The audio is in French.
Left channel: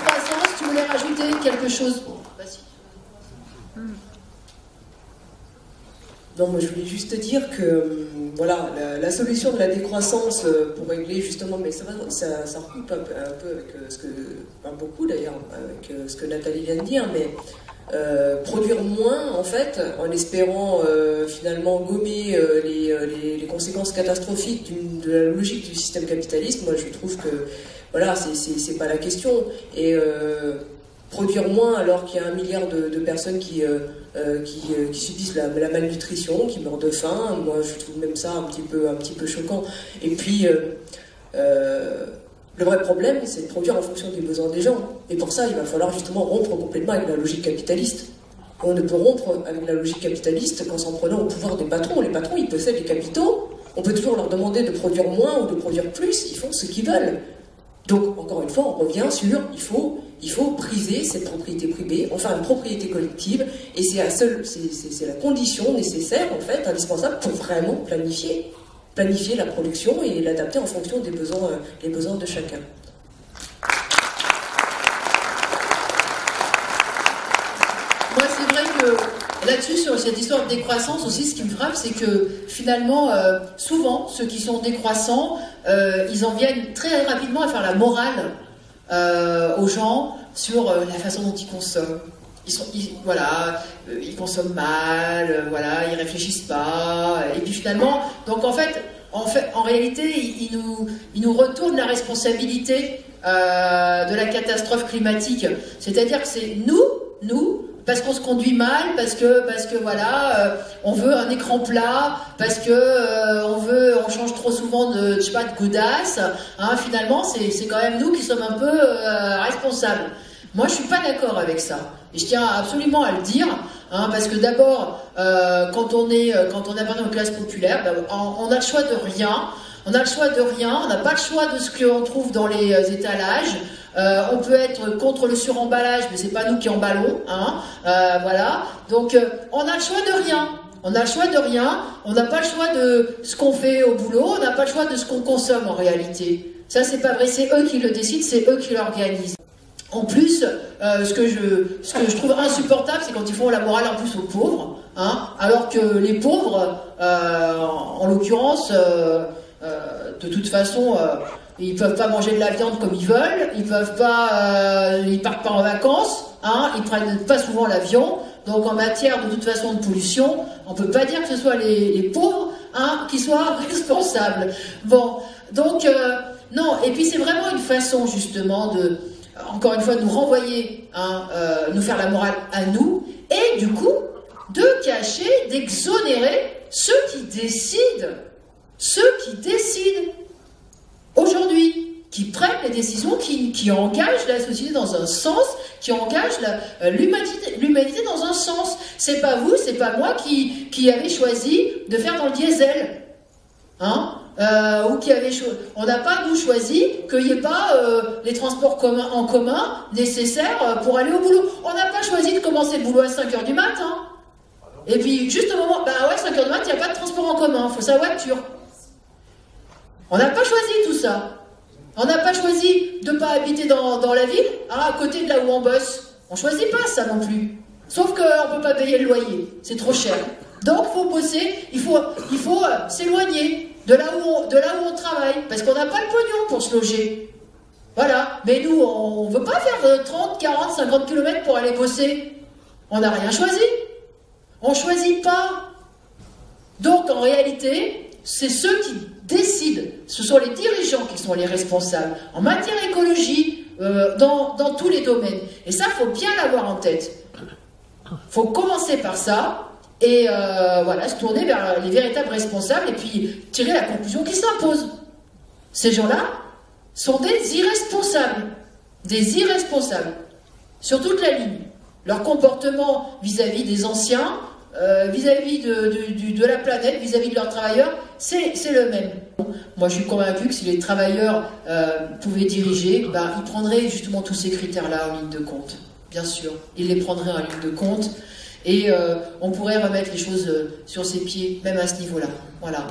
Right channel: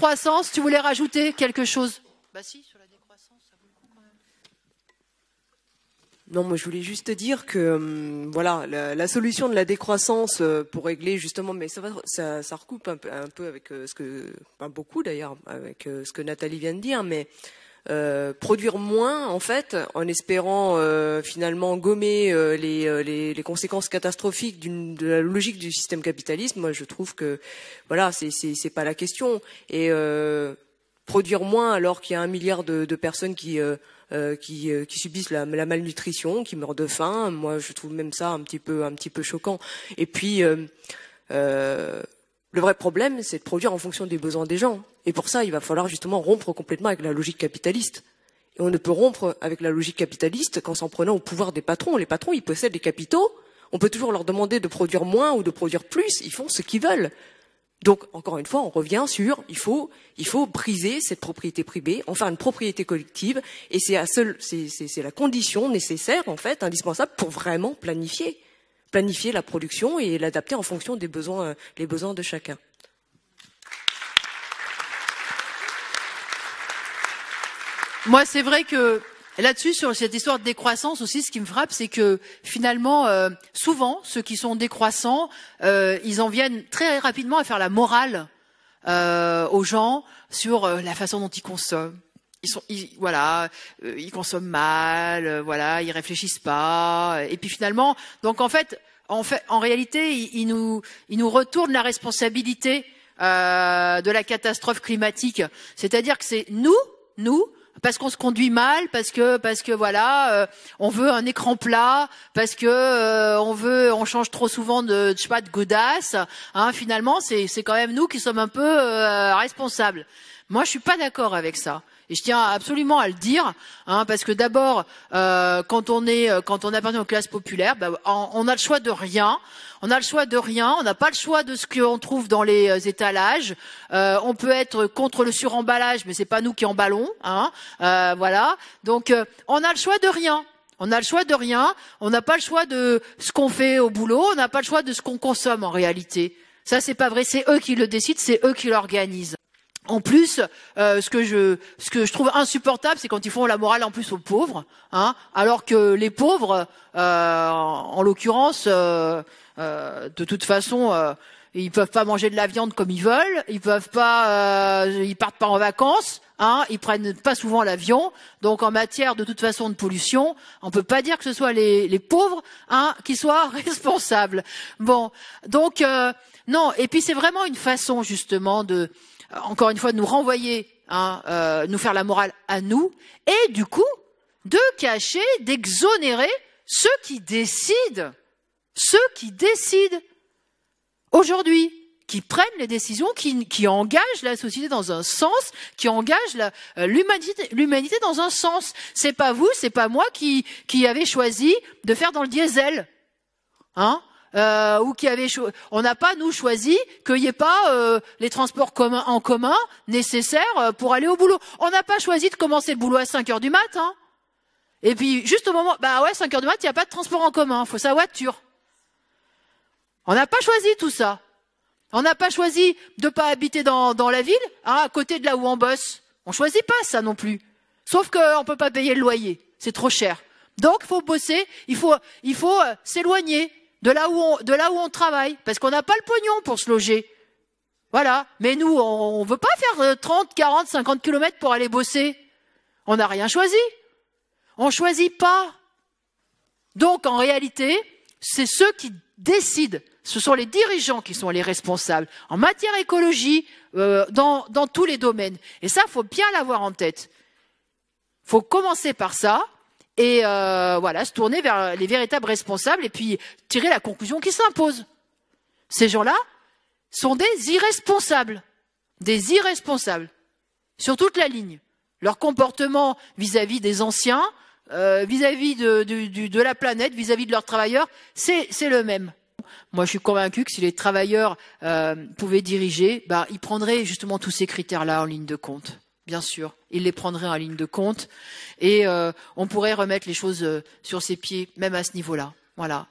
décroissance, tu voulais rajouter quelque chose? Non, moi je voulais juste dire que voilà, la solution de la décroissance pour régler justement, mais ça recoupe un peu avec ce que, pas beaucoup d'ailleurs, avec ce que Nathalie vient de dire, mais produire moins en fait, en espérant finalement gommer les conséquences catastrophiques de la logique du système capitaliste. Moi je trouve que voilà, c'est pas la question. Et produire moins alors qu'il y a 1 milliard de personnes qui subissent la malnutrition, qui meurent de faim. Moi, je trouve même ça un petit peu choquant. Et puis, le vrai problème, c'est de produire en fonction des besoins des gens. Et pour ça, il va falloir justement rompre complètement avec la logique capitaliste. Et on ne peut rompre avec la logique capitaliste qu'en s'en prenant au pouvoir des patrons. Les patrons, ils possèdent les capitaux. On peut toujours leur demander de produire moins ou de produire plus. Ils font ce qu'ils veulent. Donc, encore une fois, on revient sur il faut briser cette propriété privée, en faire une propriété collective, et c'est la condition nécessaire, en fait, indispensable pour vraiment planifier la production et l'adapter en fonction des besoins, les besoins de chacun. Moi, c'est vrai que là-dessus, sur cette histoire de décroissance aussi, ce qui me frappe, c'est que finalement, souvent, ceux qui sont décroissants, ils en viennent très rapidement à faire la morale aux gens sur la façon dont ils consomment. Ils consomment mal, voilà, ils réfléchissent pas, et puis finalement, donc en réalité, ils nous retournent la responsabilité de la catastrophe climatique. C'est-à-dire que c'est nous, parce qu'on se conduit mal, parce que voilà, on veut un écran plat, parce que on change trop souvent de godasses, hein, finalement c'est quand même nous qui sommes un peu responsables. Moi je suis pas d'accord avec ça, et je tiens absolument à le dire, hein, parce que d'abord quand on appartient aux classes populaires, on a le choix de rien. On n'a pas le choix de ce qu'on trouve dans les étalages. On peut être contre le suremballage, mais c'est pas nous qui emballons, hein. Voilà. Donc on a le choix de rien. On n'a pas le choix de ce qu'on fait au boulot, on n'a pas le choix de ce qu'on consomme en réalité. Ça c'est pas vrai, c'est eux qui le décident, c'est eux qui l'organisent. En plus, ce que je trouve insupportable, c'est quand ils font la morale en plus aux pauvres, hein, alors que les pauvres, en l'occurrence, de toute façon, ils peuvent pas manger de la viande comme ils veulent, ils partent pas en vacances, hein, ils prennent pas souvent l'avion, donc en matière de toute façon de pollution, on peut pas dire que ce soit les pauvres, hein, qui soient responsables. Bon, donc non, et puis c'est vraiment une façon justement de, encore une fois, de nous renvoyer, hein, nous faire la morale à nous, et du coup, de cacher, d'exonérer ceux qui décident aujourd'hui, qui prennent les décisions, qui engagent la société dans un sens, qui engagent l'humanité dans un sens. C'est pas vous, c'est pas moi qui avez choisi de faire dans le diesel, hein, on n'a pas, nous, choisi qu'il n'y ait pas les transports en commun nécessaires pour aller au boulot. On n'a pas choisi de commencer le boulot à 5h du matin, hein. Et puis, juste au moment, 5h du matin, il n'y a pas de transport en commun, il faut sa voiture. On n'a pas choisi tout ça. On n'a pas choisi de ne pas habiter dans la ville, hein, à côté de là où on bosse. On ne choisit pas ça non plus. Sauf qu'on ne peut pas payer le loyer, c'est trop cher. Donc, il faut bosser, il faut s'éloigner de là où on travaille, parce qu'on n'a pas le pognon pour se loger. Voilà. Mais nous, on ne veut pas faire 30, 40, 50 km pour aller bosser. On n'a rien choisi. On ne choisit pas. Donc, en réalité, c'est ceux qui décident, ce sont les dirigeants qui sont les responsables en matière écologie, dans tous les domaines. Et ça, il faut bien l'avoir en tête. Il faut commencer par ça, et voilà, se tourner vers les véritables responsables, et puis tirer la conclusion qui s'impose. Ces gens-là sont des irresponsables. Des irresponsables. Sur toute la ligne. Leur comportement vis-à-vis des anciens, vis-à-vis de la planète, vis-à-vis de leurs travailleurs, c'est le même. Moi, je suis convaincu que si les travailleurs pouvaient diriger, ils prendraient justement tous ces critères-là en ligne de compte. Bien sûr, ils les prendraient en ligne de compte, et on pourrait remettre les choses sur ses pieds, même à ce niveau-là. Voilà.